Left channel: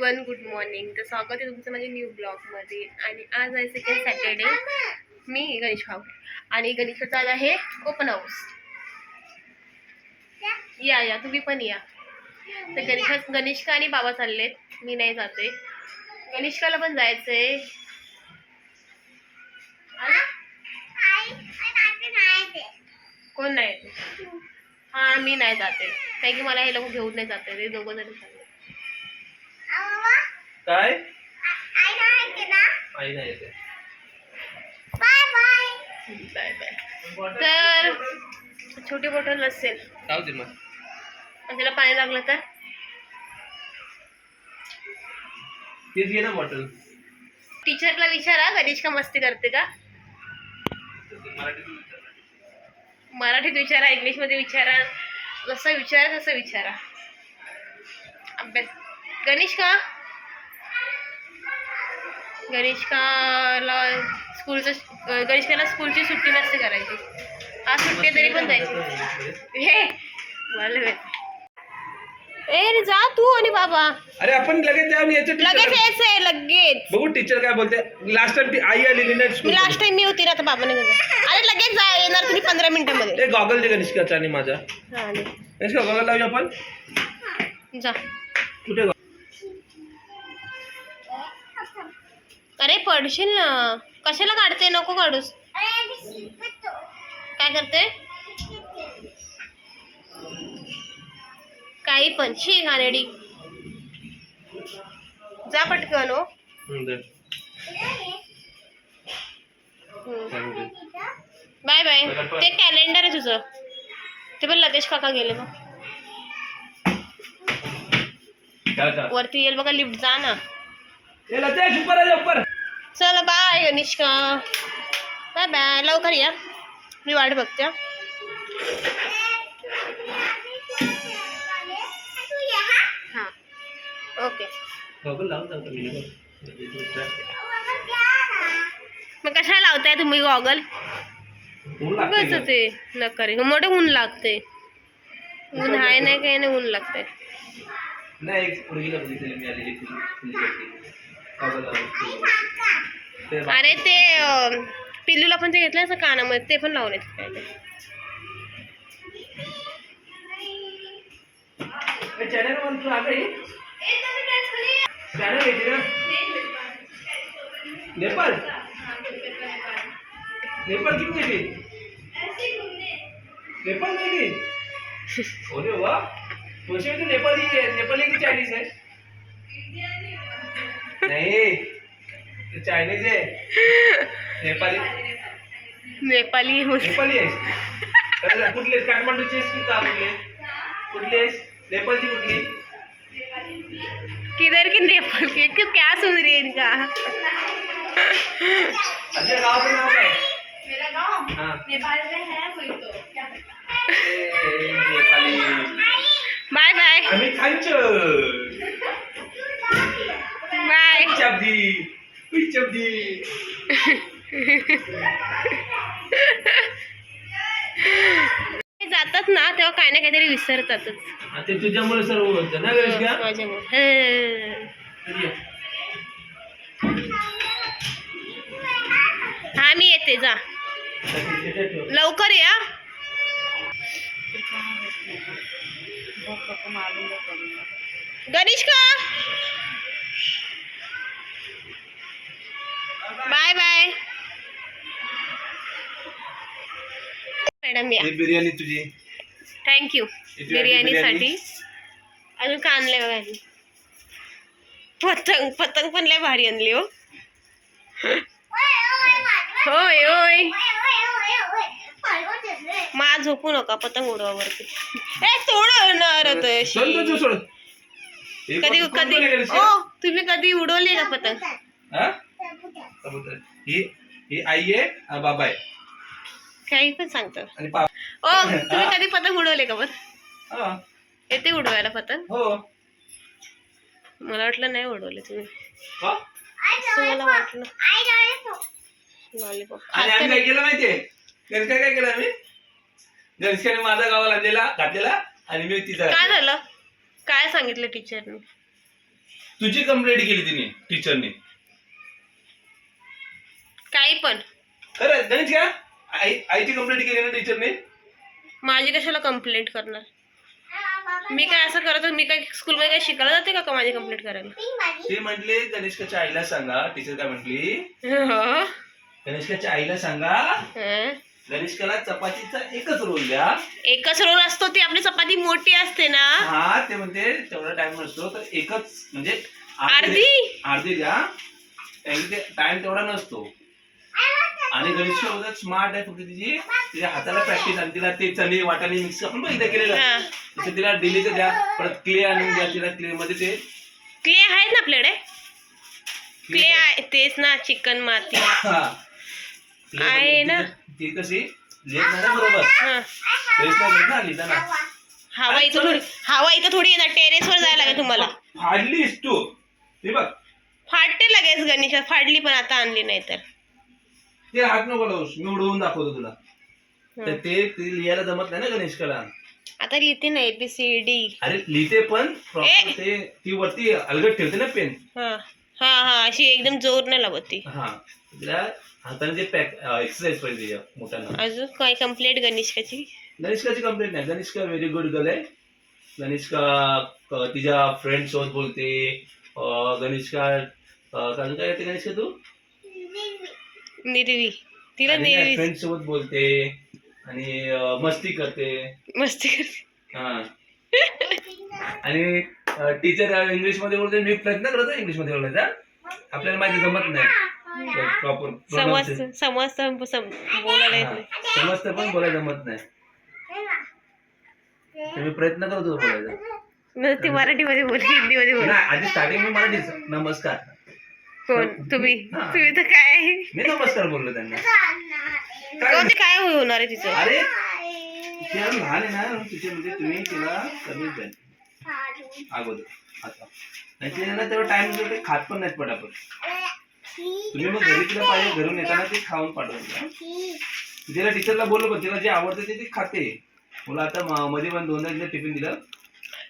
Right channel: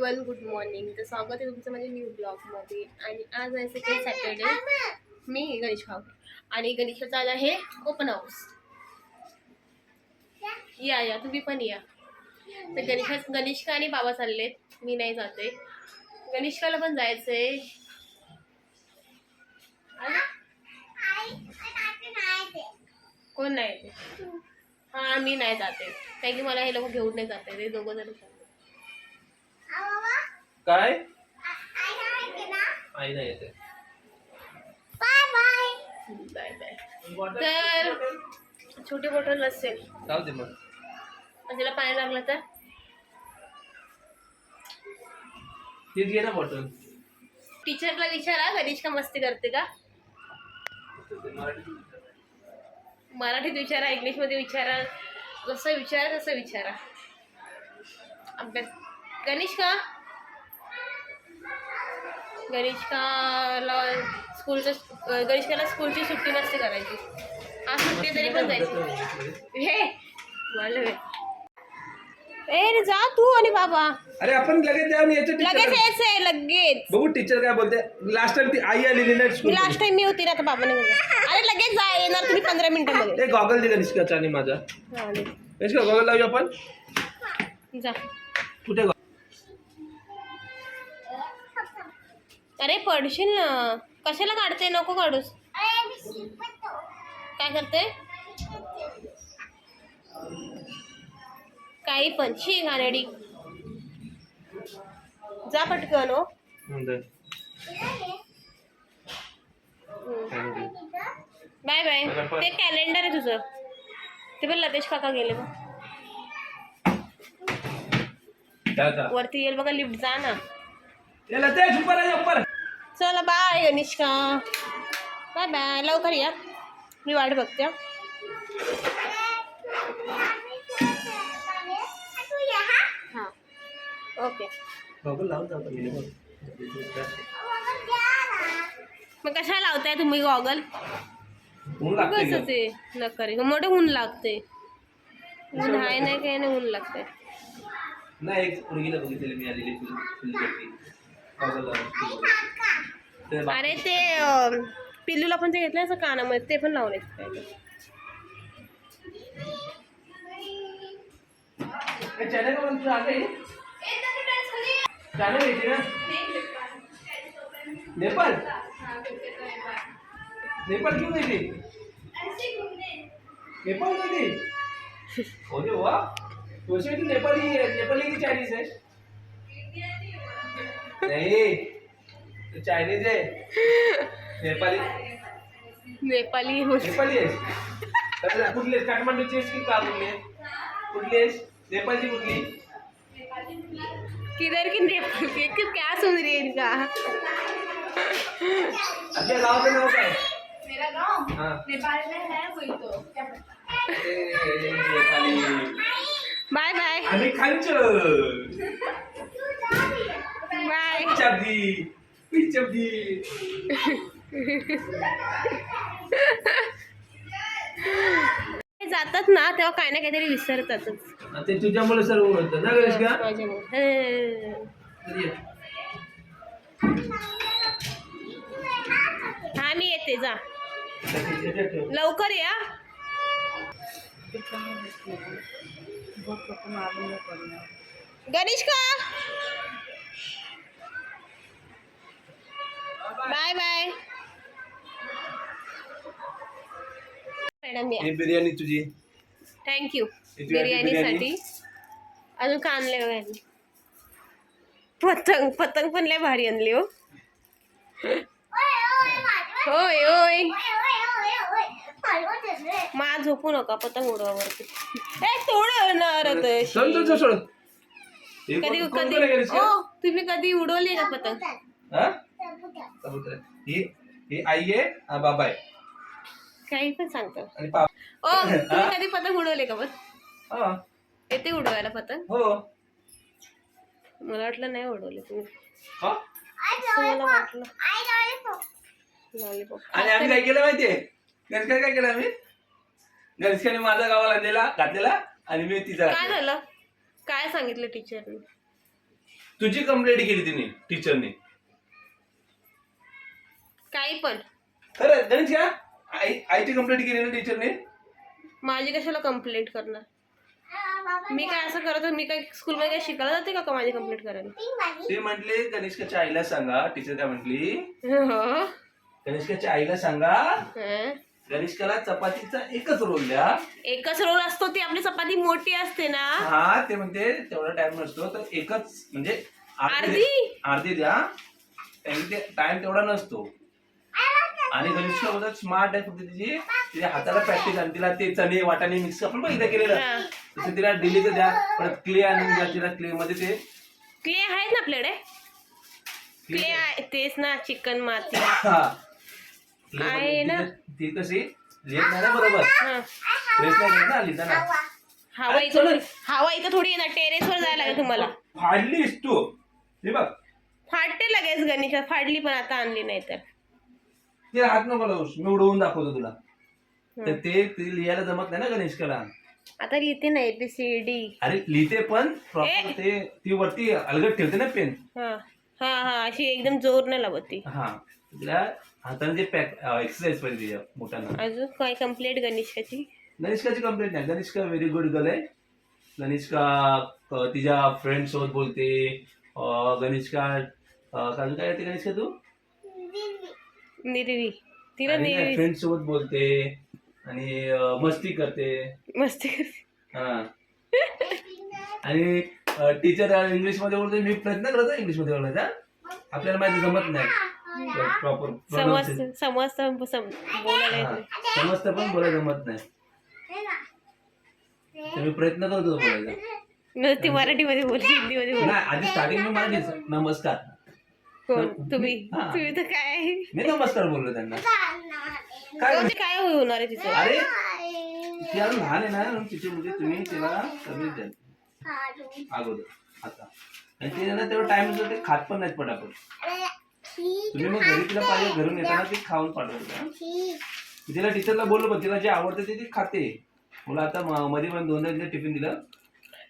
Everyone, good morning. तर स्वागत आहे तुमचं माझ्या न्यू ब्लॉगमध्ये. आणि आज आहे सेकंड सॅटर्डे. मी गणेश खाऊ आणि गणेशचा आज आहे ओपन हाऊस. या तुम्ही पण या. तर गणेशका आणि बाबा चाललेत, मी नाही जाते. गणेशकाला पण जायचंय. कोण नाही येते? हा, मी नाही जाते कारण की मला हे लोक घेऊन नाही जाते. ते दोघं जण चालले. काय आई नाही येते. Bye bye. तर छोटी बॉटल असेल जाऊ दे मग. त्याला पाणी लागलं तर तीच घे ना बॉटल. टीचरला विचारा गणेश का मस्ती करते का. मराठीत विचारा, इंग्लिशमध्ये विचारा, जसं विचारा तसं विचारा. अभ्यास गणेशकाला स्कूलची सुट्टी नसते करायची. आज सुट्टी तरी पण जायची. हे मला ए जा तू आणि बाबा. अरे आपण लगेच यायचंय लगेच. बघू टीचर काय बोलते. लास्ट टाइम ती आई आलेली ना. लास्ट टाइम मी होती ना, तर बाबाने अरे लगेच जा, येणार तुम्ही 15 मिनिटांमध्ये. गॉगल दे गणेशकाचा आणि माझा. गणेशका गॉगल लावूया आपण. जा. कुठे? अरे पडशील ना. कशाला काढते? नको काढूस. काय करते? काही पण शी घाणेडी. जा पटकन. हो बाय बाय. ते कॅलेंडर आहे तुझं, ते पण लतेश काका गेले बघ. वरती येईल बघा लिफ्ट. जा ना. चला बाय गणेशका. Bye bye. लवकर या, मी वाट बघते. हां ओके. मग कशाला लावताय तुम्ही गॉगल? कसं ते नका रे, मोठे ऊन लागते. ऊन आहे नाही काही नाही, ऊन लागते. अरे ते पिल्लूला पण ते घेतलं असं कानामध्ये, ते पण लावून येत काय ते. नेपाल नेपाल क्यों गई थी? नेपाल गई थी? अरे वाह, वैसे तो नेपाली है. नेपाली की चाइनीज है? नहीं, चाइनीज है. नेपाली नेपाली आहे. कुठली काठमांडूची आहेस की काबुली आहे? कुठली आहेस? नेपाळची कुठली? किधर की नेपाल की क्या सुन रही है इनका. अच्छा गाँव का नाम क्या है? मेरा गाँव नेपाल में है, वही तो क्या पता. नेपाली. Bye bye. आम्ही खांचर. बाय. चबदी. जातात ना तेव्हा काय ना काहीतरी विसरतातच. ते तुझ्यामुळे सर्व होतं ना गणेशका. माझ्यामुळे. हा मी येते. जा लवकर या. गणेशका बाय बाय. मॅडम या. बिर्याणी तुझी. थँक्यू बिर्याणीसाठी. अजून का आणलंय बघा. पतंग पण लय भारी आणली. हो होय होय. मा झोपू नका, पतंग उडवा वरती. तोडणार. कधी तुम्ही कधी उडवली का पतंग? ही आई आहे, बाबा आहे. काही पण सांगतो. तुम्ही कधी पतंग उडवले का? पण येते उडवायला पतंग? हो. मला वाटलं नाही उडवले तुम्ही. असं मला वाटलं. लॉलीपॉप. आणि आम्ही काय केलं माहितीये? काय केलं आम्ही? गणेशकाने माझ्या गावाला घातलेला आणि मी तिचा. काय झालं? काय सांगितलं टीचरने? तुझी कंप्लेंट केली तिने टीचरने. काही पण खरं गणेश का आईची कंप्लेंट केली ना टीचरने. माझी कशाला कंप्लेंट करणार? मी काय असं करत मी काय स्कूलमध्ये काय शिकायला जाते का माझी कंप्लेंट करायला? ते म्हटले गणेशकाच्या आईला सांगा. टीचर काय म्हटली, हं? गणेशकाच्या आईला सांगा गणेशकाला चपातीचा एकच रोल द्या. एकच रोल असतो, ती आपली चपाती मोठी असते ना. हा ते म्हणते तेवढा टाइम नसतो तर एकच म्हणजे अर्धी द्या. टाइम तेवढा नसतो. आणि गणेश स्मार्ट आहे, फक्त तिच्या हाताला प्रॅक्टिस आणि तिला ते चणे वाटाणे मिक्स आपण बघितलं केलेलं तसं तिला डेली तर द्या. परत क्ले आणून द्या तिला. क्ले मध्ये ते क्ले आहेत ना आपल्याकडे. क्ले आहे तेच ना, चिकन माती आहे ना. ती कशी लिहित नाही ना बरोबर. टेरेस नाही ना लिहिताना. हवा इथं थोडी येणार. टेरेसवर जायला लागेल तुम्हाला. फाडलीस तू हे बघ. फाडते लगेच गणेश. फाडली पण आता आणली नाही तर. ते हात नको लावूस, मी उडवून दाखवतो तुला. तर ते लिहायला जमत नाही ना गणेशकाला. आता लिहिते ना ABCD. अरे लिहिते पण प्रॉपर ते ती वरती अलगद ठेवते ना पेन. हा हा हा अशी एकदम जोर नाही लावत ती. हा तिला हाताने ते एक्सरसाइज पाहिजे मोठ्यांना. अजून काय कंप्लेंट गणेशकाची? गणेशकाची कंप्लेंट नाही. गणेशका व्हेरी गुड गर्ल आहे. गणेशका तिच्या फ्रेंड सोबत बोलते. गणेशका काय येते गणेशका तू? निर्वी. तिला निर्वी फ्रेंड सोबत बोलते आणि मस्ती करते. हा आणि टीचर इंग्लिश मध्ये बोलते. मी प्रयत्न करतो इंग्लिश मध्ये बोलायचा. आपल्याला माहिती जमत नाही प्रॉपर. समजतं पण बोलायला जमत नाही. मी प्रयत्न करतो बोलायचा. ती मराठीमध्ये बोल, हिंदीमध्ये बोल. आधी स्टार्टिंग मी मराठी. नमस्कार. कोण तुम्ही? तुम्ही तर काय मी नमस्कार बोललो त्यांना. काय होणार आहे तिचं? अरे ती अजून लहान आहे ना तिचे, म्हणजे तुम्ही तिला सर्विस द्या अगोदर आता. आणि ते ना तेव्हा टाइम ते खात पण नाहीत पटापट. तुम्ही मग घरी तिला पाहिजे घरून येताना ते खाऊन पाठवता. तिला टीचरला बोललो पण तिला जे आवडतं ते खाते. मला आता मध्ये पण 2दा तिला टिफिन दिलं.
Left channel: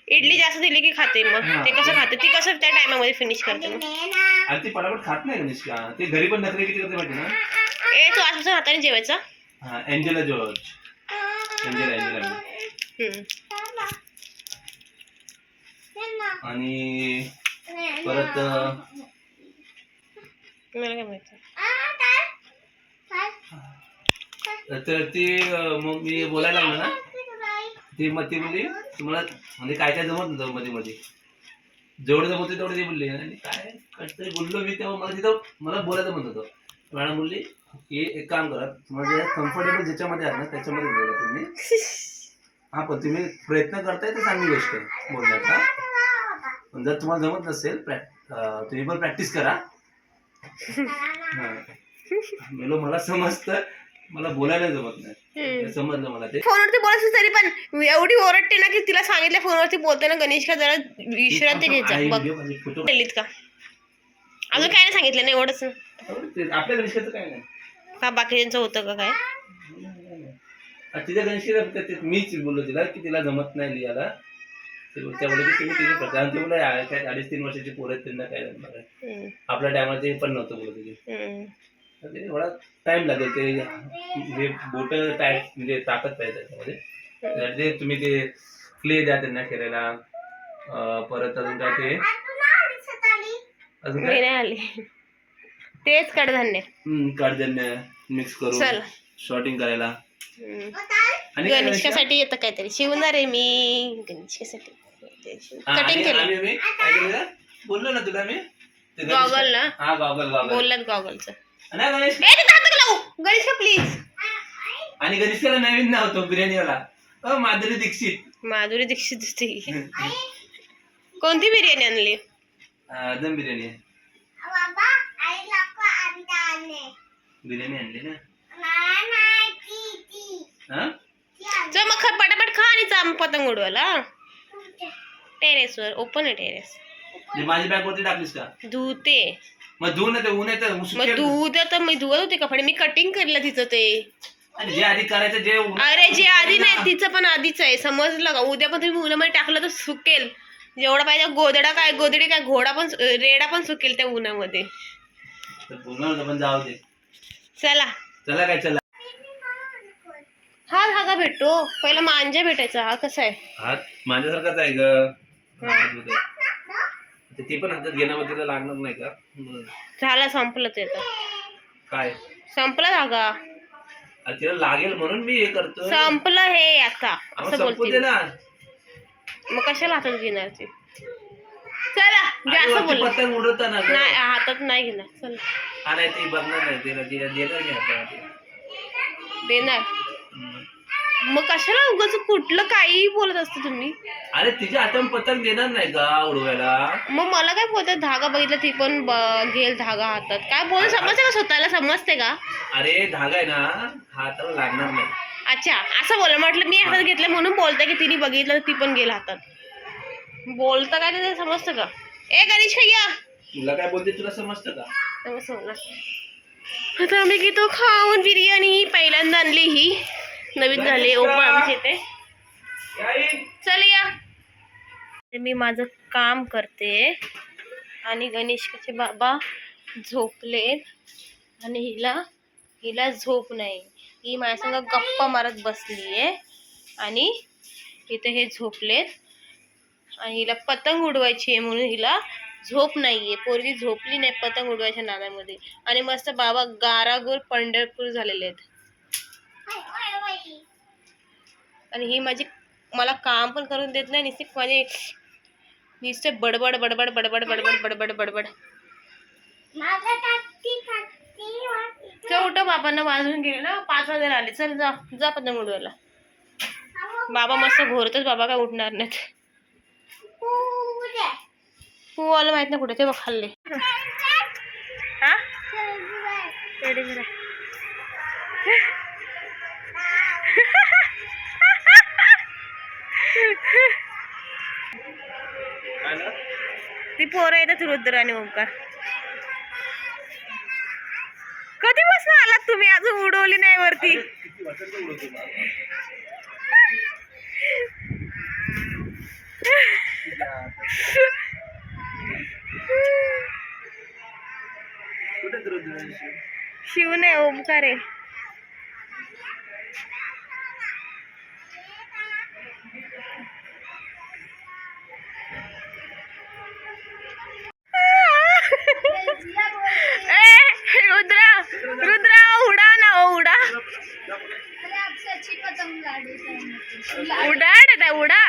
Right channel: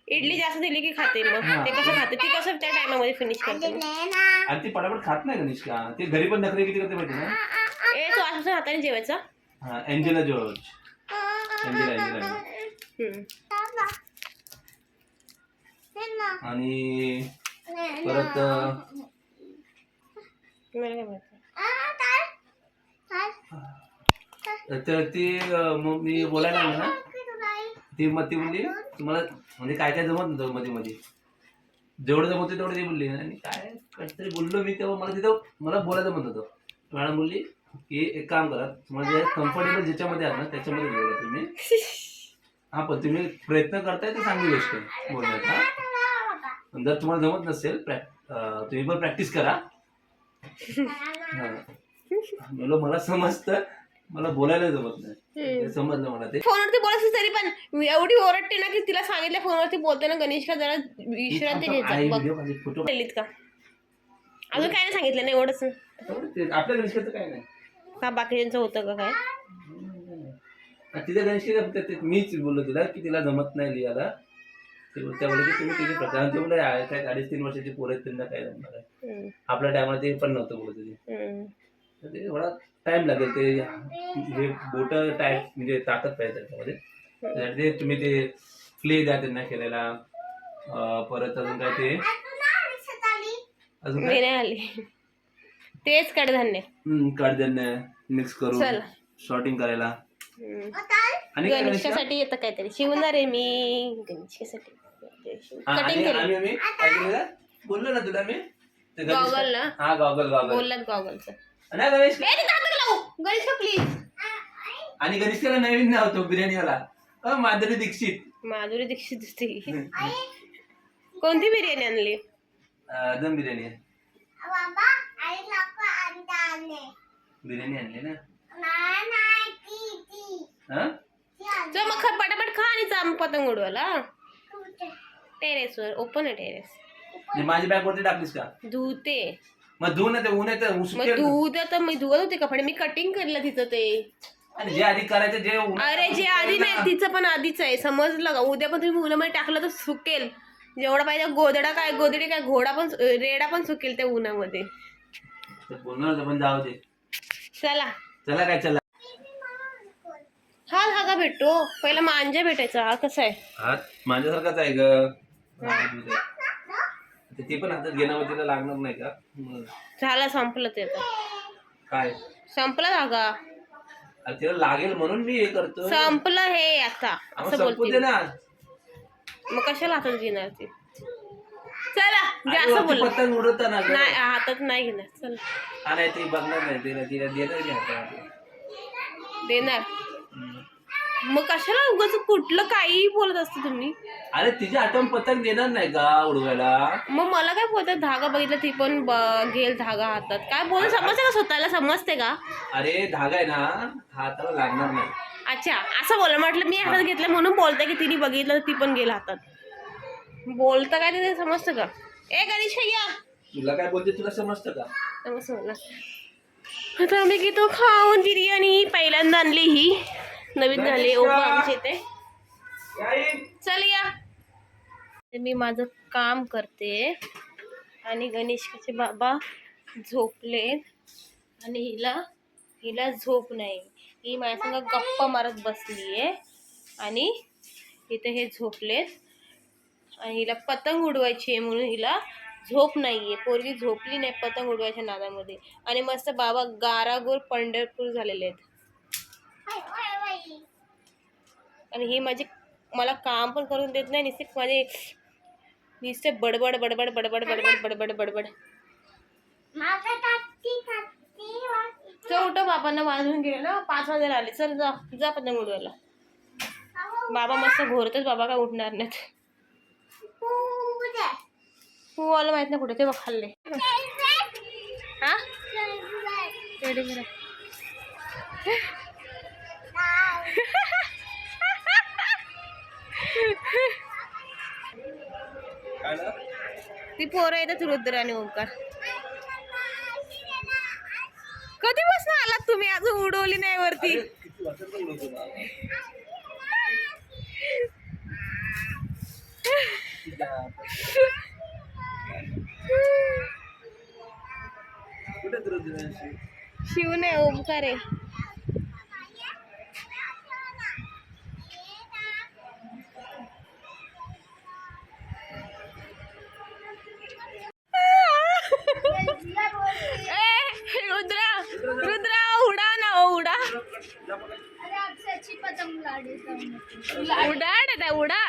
इडली जास्त दिली की खाते. मग ते कसं खाते? ती कसं त्या टायमामध्ये फिनिश करते मग? आणि ती पटापट खात नाही गणेशका. ते घरी पण नखरे किती करते माहिती ना. तू आजपासून हाताने जेवायचा. हा एंजेला जॉर्ज. एंजेला आणि परत मला काय माहिती. तर ती मग मी बोलायला लागलो ना. ती बोलली तुम्हाला म्हणजे काय काय जमत नव्हतं मध्ये मध्ये. जेवढं जमत तेवढं ती बोलली. आणि काय काहीतरी बोललो मी तेव्हा मला तिथं मला बोलायचं म्हणत होतं. मॅडम बोलली की एक काम करा, तुम्हाला जे कम्फर्टेबल ज्याच्यामध्ये आहात ना त्याच्यामध्ये बोला तुम्ही. हा पण तुम्ही प्रयत्न करताय तर चांगली गोष्ट आहे बोलण्याचा. पण जर तुम्हाला जमत नसेल तुम्ही पण प्रॅक्टिस करा. मला समजतं, मला बोलायला जमत नाही. समजलं मला ते. फोनवरती बोलायचं तरी पण एवढी ओरडते ना की तिला सांगितलं फोनवरती बोलते ना गणेशका जरा विश्रांती घ्यायचा. का अजून काय नाही सांगितलं नाही एवढंच. आपल्या गणेशकाचं काय नाही का बाकीच्यांचं होतं का काय? तिच्या गणेशका मीच बोललो तिला की तिला जमत नाही लिहायला. त्यामुळे तुम्ही तिथे प्रकार 2.5-3 वर्षाची पोरं आहेत त्यांना काय जमणार आहे. आपल्या टायमाला ते पण नव्हतं बोलत तिथे. एवढा टाइम लागेल ते जे बोट टाईट म्हणजे ताकद पाहिजे त्याच्यामध्ये. तुम्ही ते क्ले द्या त्यांना खेळायला. परत अजून काय ते अजून काय आली तेच कडधान्य मिक्स करून शॉर्टिंग करायला. आणि गणेशकासाठी येतं काहीतरी शिवणार आहे मी. गणेशकासाठी कटिंग केलं. बोललो ना तुला मी गॉगल ना. हा गॉगल बोललात गॉगलचं. गणेश प्लीज. आणि गणेशला नवीन नाव होतो बिर्याणीवाला माधुरी दीक्षित. माधुरी दीक्षित दिसते. कोणती बिर्याणी आणली? दम बिर्याणी. बिर्याणी आणली ना. चल मग पटापट खा आणि जा पतंग उडवायला. टेरेसवर ओपन आहे टेरेस. माझी बॅग वरती टाकलीस का? धुते. मग धुवून येतं ऊन येतं. मग धुत तर मी धुवत होते कपडे. मी कटिंग केलं तिचं ते. जे आधी करायचं जे अरे जे आधी नाही तिचं पण आधीच आहे समजलं का. उद्या पण तुम्ही उन्हामध्ये टाकलं तर सुकेल. जेवढा पाहिजे गोदडा काय गोदडी काय घोडा पण रेडा पण सुकेल त्या उन्हामध्ये. तर बोलणार पण जाऊ दे. चला चला काय चला. हा धागा भेटतो, पहिला मांजा भेटायचा. हा कसा आहे? हात माझ्यासारखाच आहे ग. ते पण हातात घेण्यावर तिला लागणार नाही का? झाला, संपलं ते आता. काय संपला धागा. तिला लागेल म्हणून मी हे करतो. संपलं हे आता असं बोलते ना. मग कशाला हातात घेणार ते? चला जास्त बोल. पतंग उडवताना नाही हातात नाही घेणार. चल हा नाही ते बघणार नाही तिला देणार की हातात देणार. मग कशाला उगाच कुठलं काही बोलत असतं तुम्ही? अरे तिच्या हातात पतंग देणार नाही का उडवायला? मग मला काय बोलतात? धागा बघितला ती पण घेल धागा हातात. काय बोल समजते का? स्वतःला समजते का? अरे धागा आहे ना हाताला लागणार नाही. अच्छा असं बोल. म्हटलं मी हातात घेतलं म्हणून बोलते की तिने बघितलं ती पण गेल हातात. बोलतं काय ते समजतं का? ए गणेश भैया तुला काय बोलते तुला समजतं का? समजलं. आता आम्ही घेतो खाऊन बिर्याणी. पहिल्यांदा आणली ही, नवीन झाली ओपन आमच्या इथे. चल या. मी माझं काम करते आणि गणेशचे बाबा झोपलेत आणि हिला झोप नाही. ही माझ्या संग गप्पा मारत बसली आहे आणि इथे हे झोपलेत आणि हिला पतंग उडवायची आहे म्हणून हिला झोप नाहीये. पोरगी झोपली नाही पतंग उडवायच्या नादामध्ये. आणि मस्त बाबा गारागोर पंढरपूर झालेले आहेत. आणि ही मला काम पण करून देत नाही. नुसते बडबड बडबड बडबड बडबड बडबड बडबड. चल उठ, बाबांना वाजून गेले ना, 5 वाजायला आले. चल जा जा पतंग उडवायला. बाबा मस्त घोरतच. बाबा काय उठणार नाहीत. पूवाला माहित नाही कुठे ते बघ खाल्ले. हा रेडी करा. ती पोरं येतात रुद्र आणि ओंकार. कधीपासून आलात तुम्ही? अजून उडवली नाही वरती. शिव नाही ओंकार आहे. रुद्रा उडा ना उडा. उडा दादा उडा.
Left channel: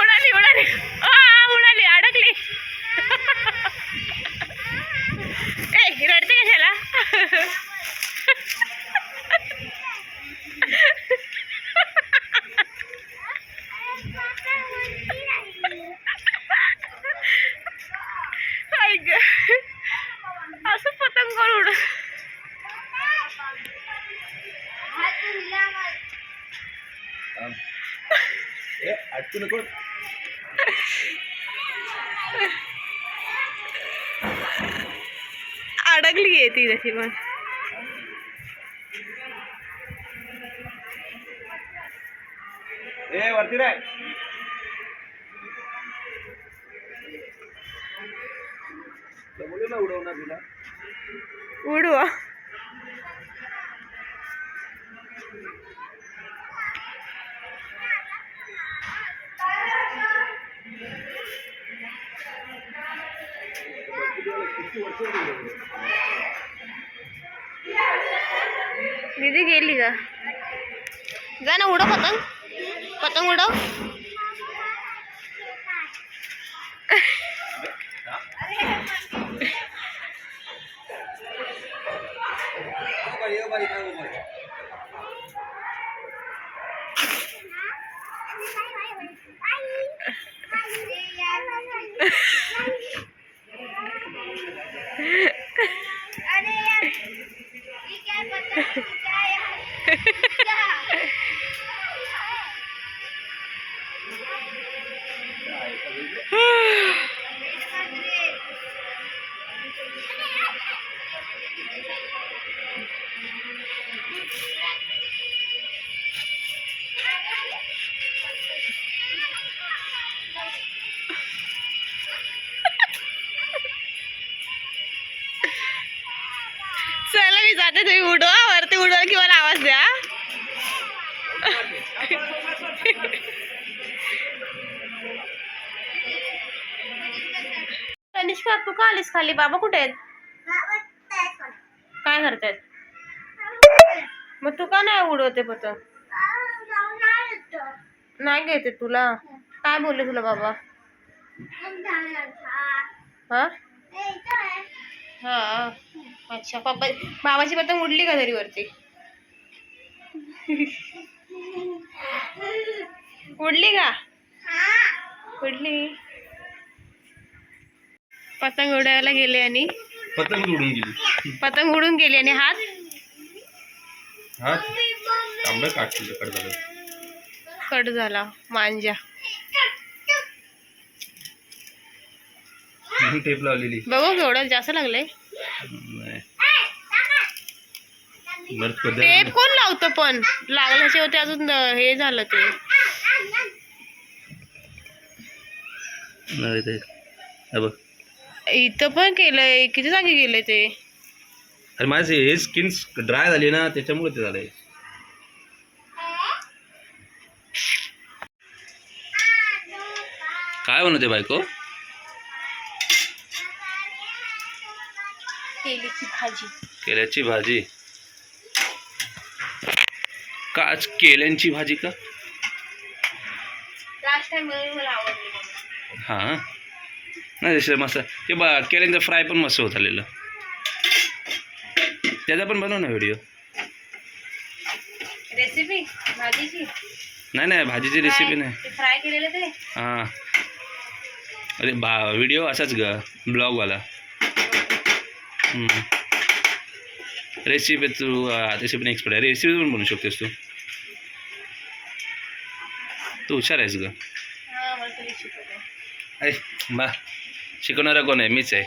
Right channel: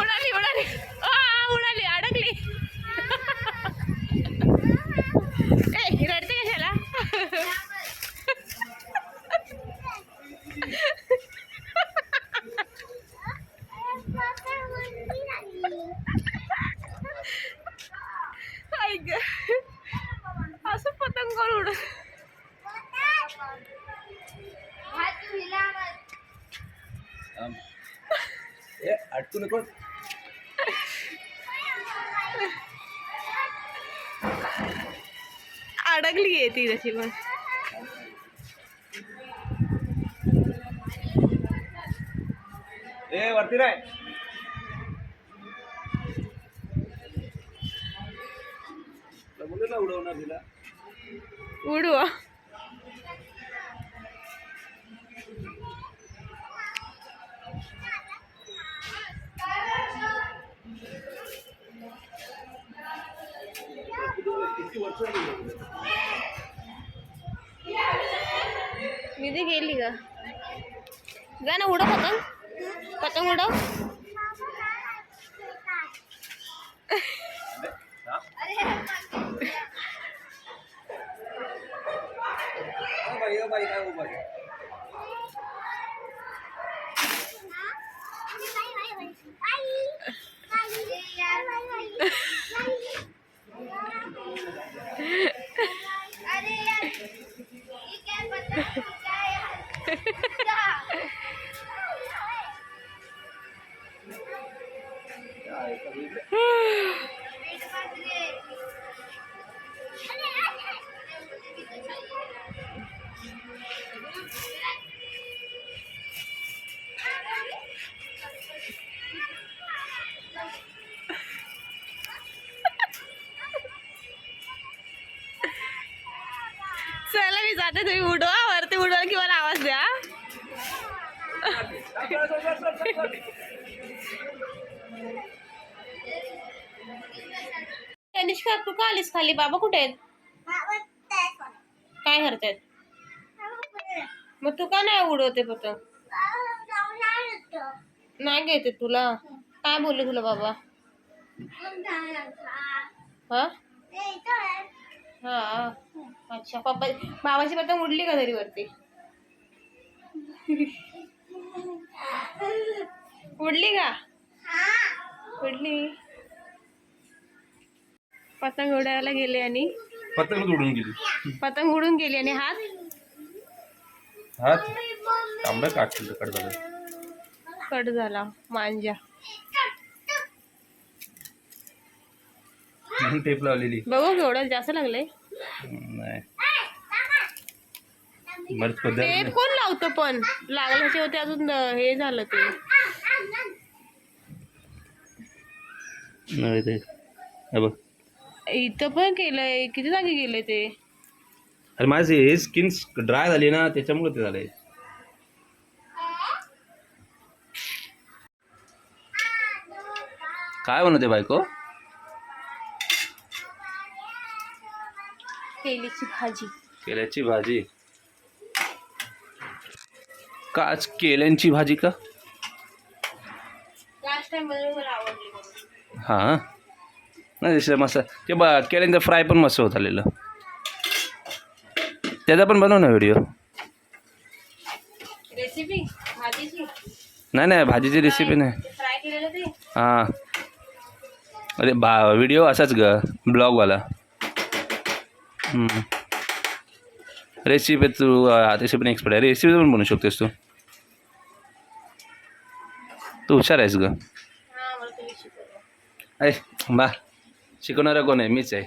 उडाली उडाली उडाली अडकली. ए रडते कशाला? असं पतंग करून उड. अटकू नको. अडकली आहे ती तशी पण. ए वरती राय. बोलू ना उडवणार तिला. उडवा. दीदी गेली का? जा ना उडव पतंग. पतंग उडव. चला मी जाते, तुम्ही उडवा, वरती उडवा की मला आवाज द्या. तनिष्का तू का आलीस खाली? बाबा कुठे आहेत? काय करतायत? मग तू का नाही उडवते पतंग? नाही घेते तुला? काय बोलले तुला बाबा? हा हा अच्छा. पप्पा बाबाची पतंग उडली का तरी वरती? उडली का? उडली. पतंग उडायला गेले आणि पतंग उडून गेली. पतंग उडून गेली आणि हात तांबडं काढतील कट झालं. कट झाला मांजा. टेप लावलेली. बघू केवढं जास्त लागलंय. नाही बरं पदर टेप कोण लावतं पण? लागल्याचे होते अजून हे झालं ते. नाही ते बघ इथं पण केलंय, किती जागी गेलंय ते. अरे माझी हे स्किन ड्राय झाली ना त्याच्यामुळे ते झालंय. काय बनवते बायको? केलीची भाजी. केल्याची भाजी का? आज केल्यांची भाजी का? लास्ट टाइम मला आवडली. हां नाही दुसरं मस्त ते केल्यांचं फ्राय पण मस्त होत आलेलं. त्याचा पण बनव ना व्हिडिओ. रेसिपी भाजीची? नाही भाजीची रेसिपी नाही. फ्राय केलेलं ते. हां अरे व्हिडिओ असाच ग ब्लॉगवाला. रेसिपी तू तशी पण एक्सपर्ट आहे. रेसिपी पण बनवू शकतेस तू. तू हुशार आहेस ग. हा मला तुम्ही शिकवलं. ऐ बा शिकवणारा कोण आहे? मीच आहे.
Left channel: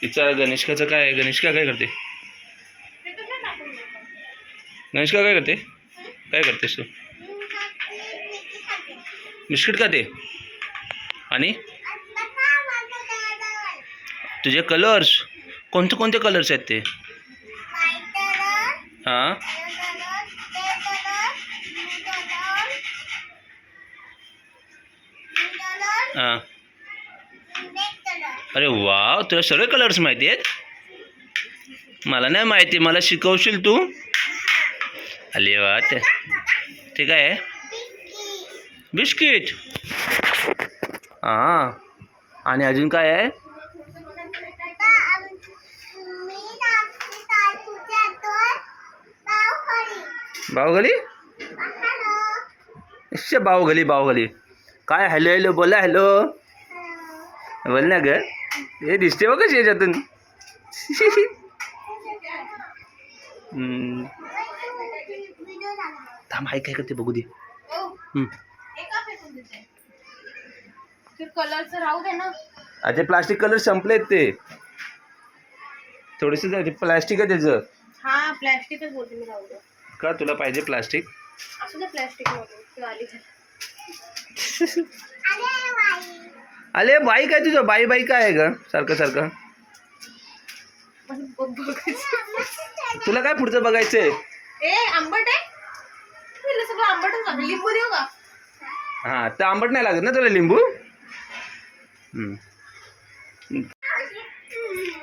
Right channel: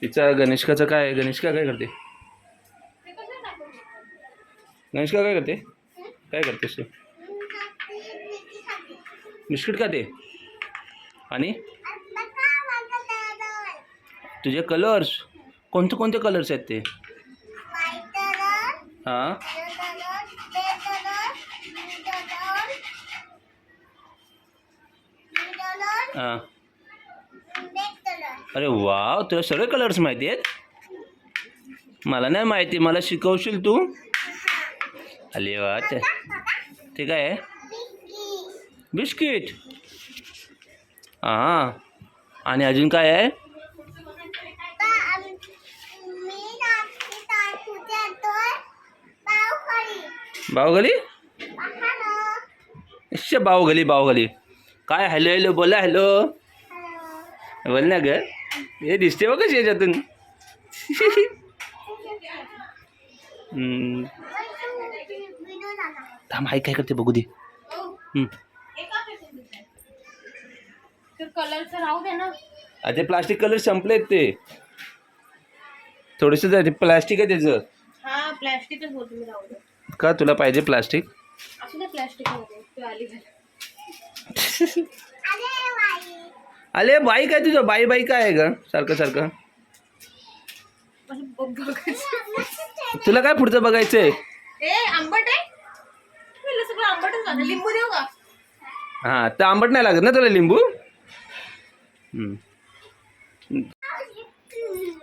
तिचा गणेशकाचं काय आहे? गणेशका काय करते? गणेशका काय करते? काय करतेस तू? बिस्किट खाते. आणि तुझे कलर्स कोणते कोणते कलर्स आहेत ते? हां हां अरे वाव तुला सगळे कलर्स माहिती आहेत? मला नाही माहिती. मला शिकवशील तू? अरे वा ते काय आहे? बिस्किट. हां आणि अजून काय आहे? बाहुगली. अच्छा बाहुगली काय? हॅलो हॅलो बोला. हॅलो बोल ना ग. हे दिसते बघ कशी याच्यातून. थांब आई काय करते बघू दे. कलरचं राहू दे ना. ते प्लास्टिक कलर संपलेत ते. थोडेसे प्लास्टिक आहे त्याचं. हा प्लॅस्टिकच बोलते मी, राहू दे. का तुला पाहिजे प्लास्टिक? असू दे प्लॅस्टिक मध्ये आली. अरे बाई काय तुझं? बाई काय आहे ग सारखं सारखं? तुला काय पुढचं बघायचंय? आंबट आहे. सगळं आंबटच लागतं. लिंबू देऊ का? हां तर आंबट नाही लागत ना तुला लिंबू?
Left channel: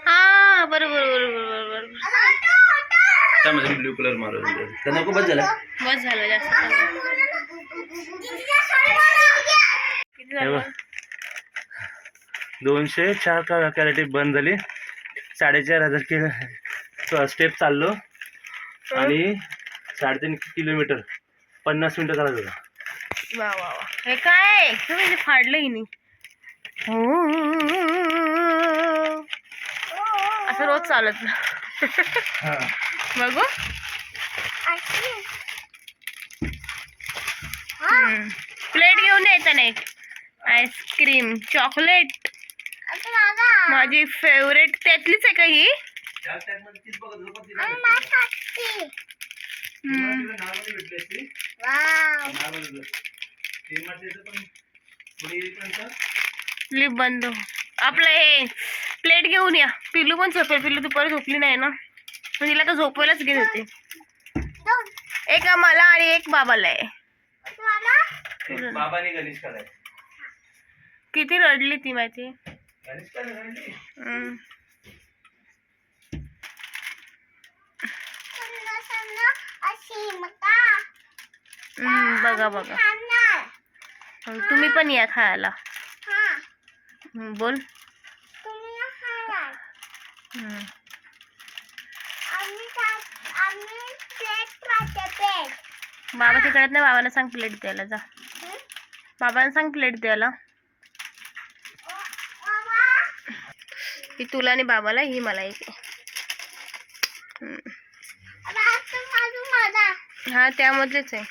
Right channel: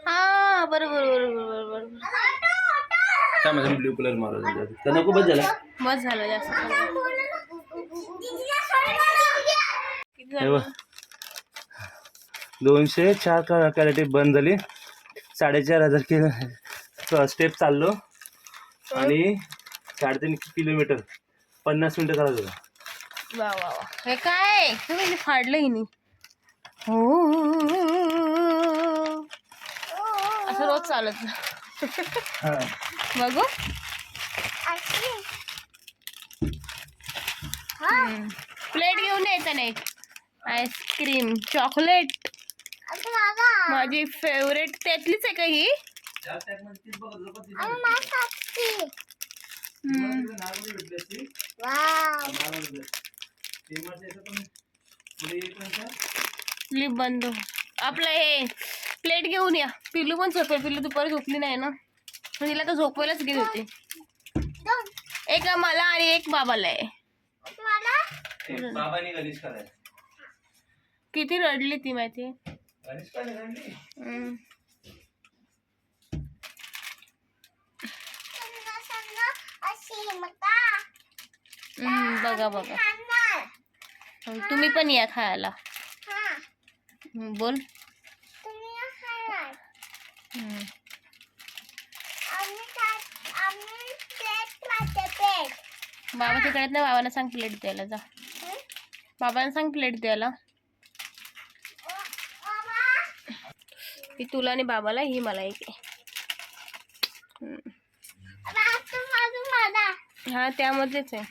हा बरोबर. ब्ल्यू कलर मारू तर नको. बस झालं. बस झालं जास्त. किती हे बघ, झालं? 204 कॅरेट बंद झाली. 4,500 स्टेप चाललो आणि 3.5 किलोमीटर 50 मिनिटं चालत होता. वा वा वा. हे काय तुम्ही फाडलं हिनी? हो असं रोज चालत बघू. प्लेट घेऊन यायचं नाही. आईस्क्रीम चॉकलेट माझी फेवरेट त्यातलीच आहे का ही. लिप बंद. आपलं हे प्लेट घेऊन या. पिल्लू पण झोपेल. पिल्लू दुपारी झोपली नाही ना, पण तिला तर झोपवायलाच घेत होते. एक मला आणि एक बाबाला आहे. बाबाने गणेश करायचं. किती रडली ती माहिती. बघा बघा. तुम्ही पण या खायला. बोल. बाबाच्या करत नाही. बाबाला सांग प्लेट द्यायला. जा बाबाला सांग प्लेट द्यायला. ही तुला आणि बाबाला, ही मला एक. हा त्यामधलेच आहे.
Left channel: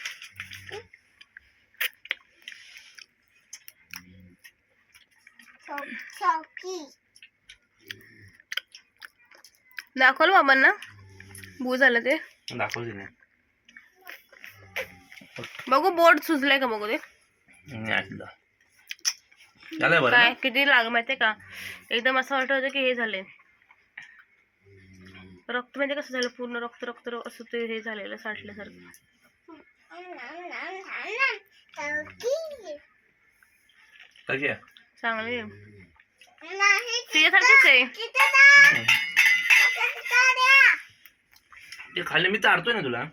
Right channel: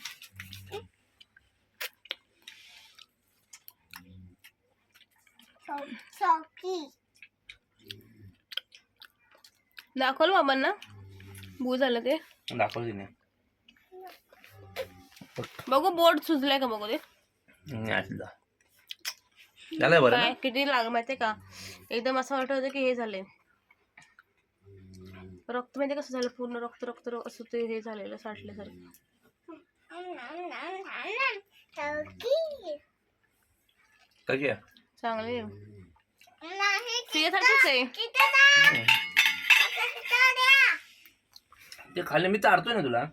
दाखवलं बाबांना. बू झालं ते दाखवली नाही. बघू बोर्ड सुजलाय का बघू ते. काय किती लाग माहितीये का. एकदम असं वाटत होतं की हे झाले रक्त. म्हणजे कसं झालं पूर्ण रक्त रक्त असं ते हे झालेलं साठल्यासारखं. चांगले तुझ्यासारखंच आहे. ते खाल्ले मी तारतोय ना तुला.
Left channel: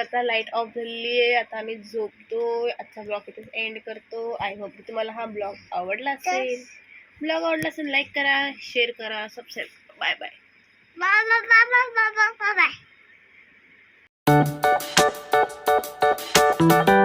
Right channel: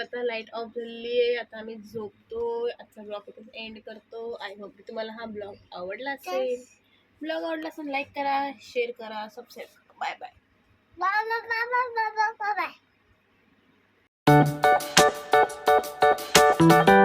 आता लाईट ऑफ झाली आहे. आता आम्ही झोपतो. आजचा ब्लॉग इथेच एंड करतो. आय होप की तुम्हाला हा ब्लॉग आवडला असेल. ब्लॉग आवडला असेल लाईक करा, शेअर करा, सबस्क्राईब करा. Bye bye. Bye.